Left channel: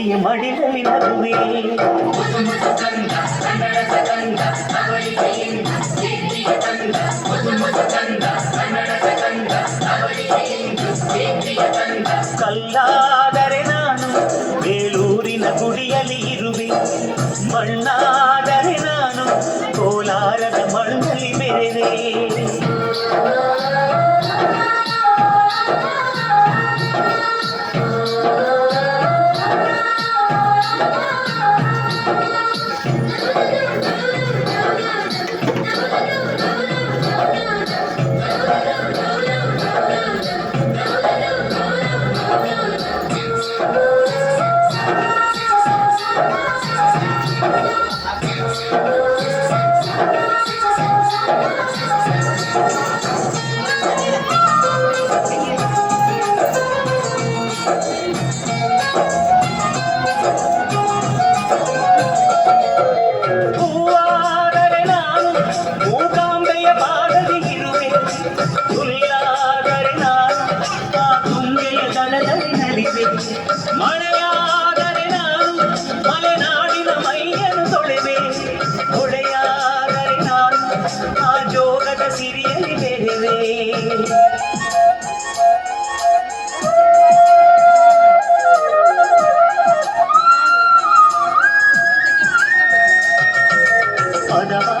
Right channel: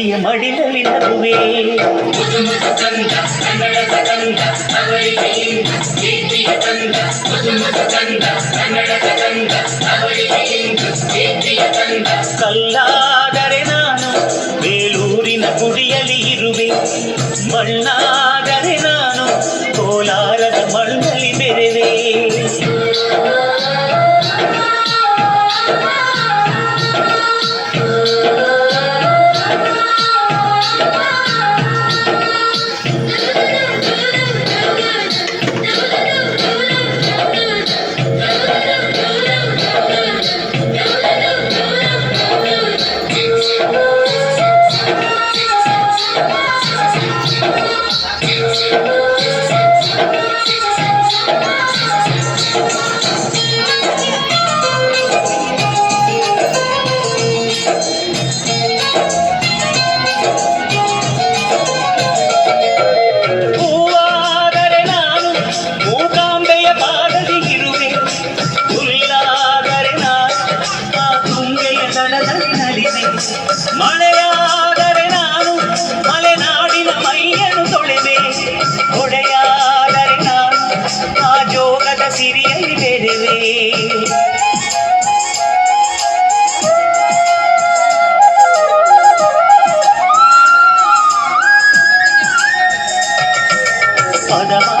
ಕಾವೇರಿಯ ಮಡಿಲಲ್ಲಿ ನಗುವೆ. ಕಲ್ಲಾದರೆ ನಾನು ಬೇಲೂರಿನ ಗುಡಿಯಲ್ಲಿ ಇರುವೆ. ಮಣ್ಣಾದರೆ ನಾನು ಮಳೆಯಾದರೆ ನಾನು ಮಲೆನಾಡಿನ ಮೈಯನ್ನು ತೊಳೆವೆ ಹೊಡೆಯಾದರೆ ನಾನು ಆ ಜೋಗದ ಸಿರಿಯಲ್ಲಿ ಬೆರೆವೆ ಪದವಾದರೆ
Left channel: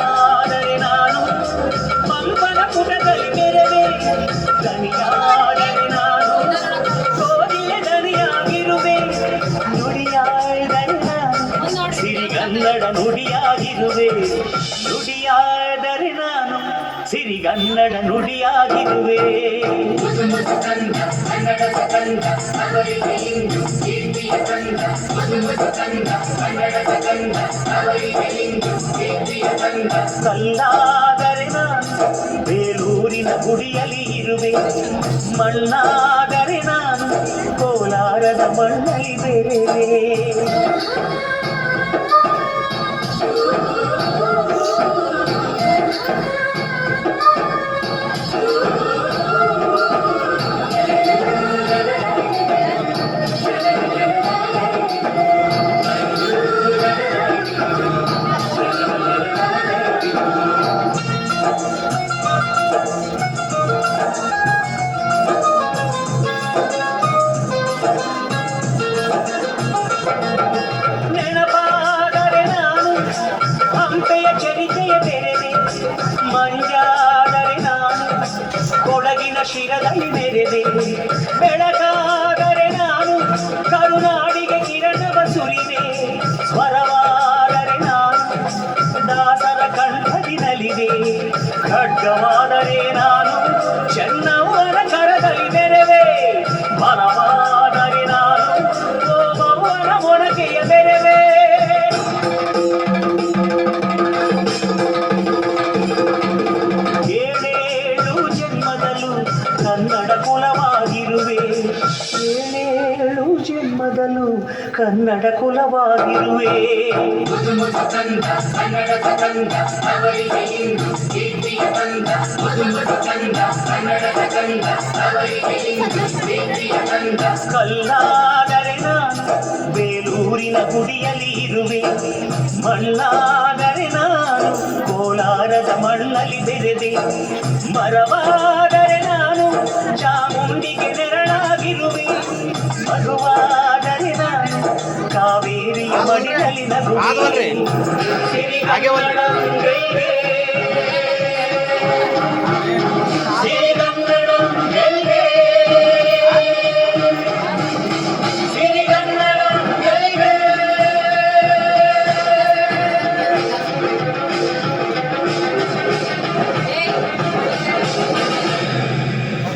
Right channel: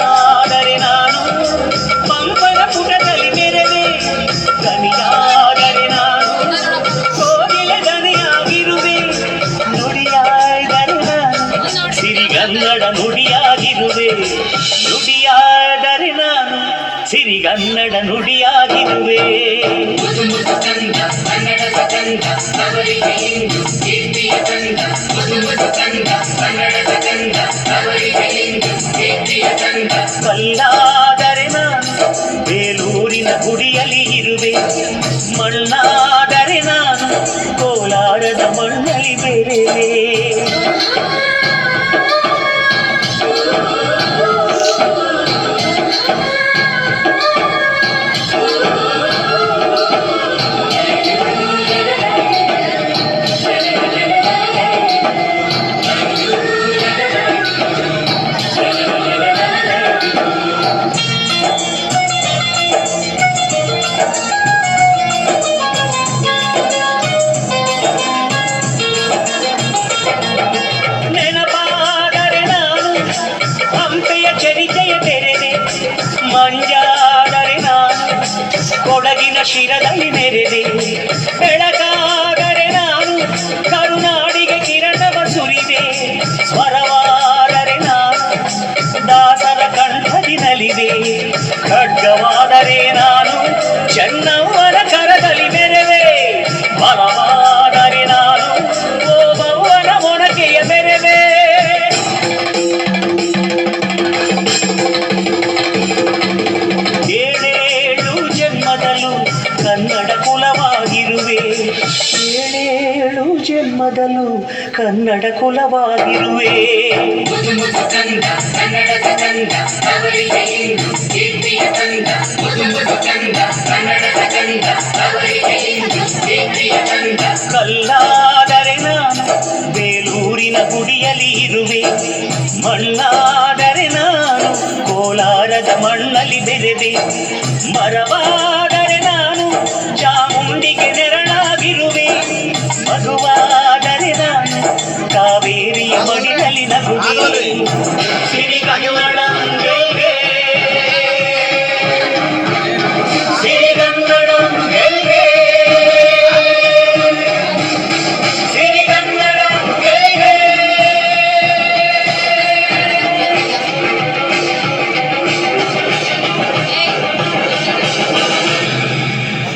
ನುಡಿಯಾಗಿರುವೆ. ನುಡಿಯಾದರೆ ನಾನು ಸಿರಿಗನ್ನಡ ನುಡಿಯಾಗಿರುವೆ. ಕಲ್ಲಾದರೆ ನಾನು ಬೇಲೂರಿನ ಗುಡಿಯಲ್ಲಿ ಇರುವೆ. ಮಣ್ಣಾದರೆ ನಾನು ಕೋಲಾರದ ಮಣ್ಣಲ್ಲಿ ಬೆರೆವೆ ಚರಿತೆಯ ತೆರೆದೆ ಮಂಜಾದರೆ ನಾನು ಕೊಡಗಿನ ಶಿರದಲ್ಲಿ ಮೆರೆದೆ ಬೆಳಕಾದರೆ ಏಳೇಳು ಜನ್ಮದಲ್ಲೂ ಕನ್ನಡ ಕುಲವಾಗಿರುವೆ. ಕಲ್ಲಾದರೆ ನಾನು ಬೇಲೂರಿನ ಗುಡಿಯಲ್ಲಿ ಇರುವೆ. ಮಣ್ಣಾದರೆ ನಾನು ಕೋಲಾರದ ಮಣ್ಣಲ್ಲಿ ಬೆರೆದೆ ಮರವಾದರೆ ನಾನು ಚಾಮುಂಡಿಗೆ ನೆರಳಾಗಿರುವೆ ಕಾವೇರಿಯ ಮಡಿಲಲ್ಲಿ ನಗುವೆ ಆಗಲ್ರಿ? ಸಿರಿಗನ್ನಡ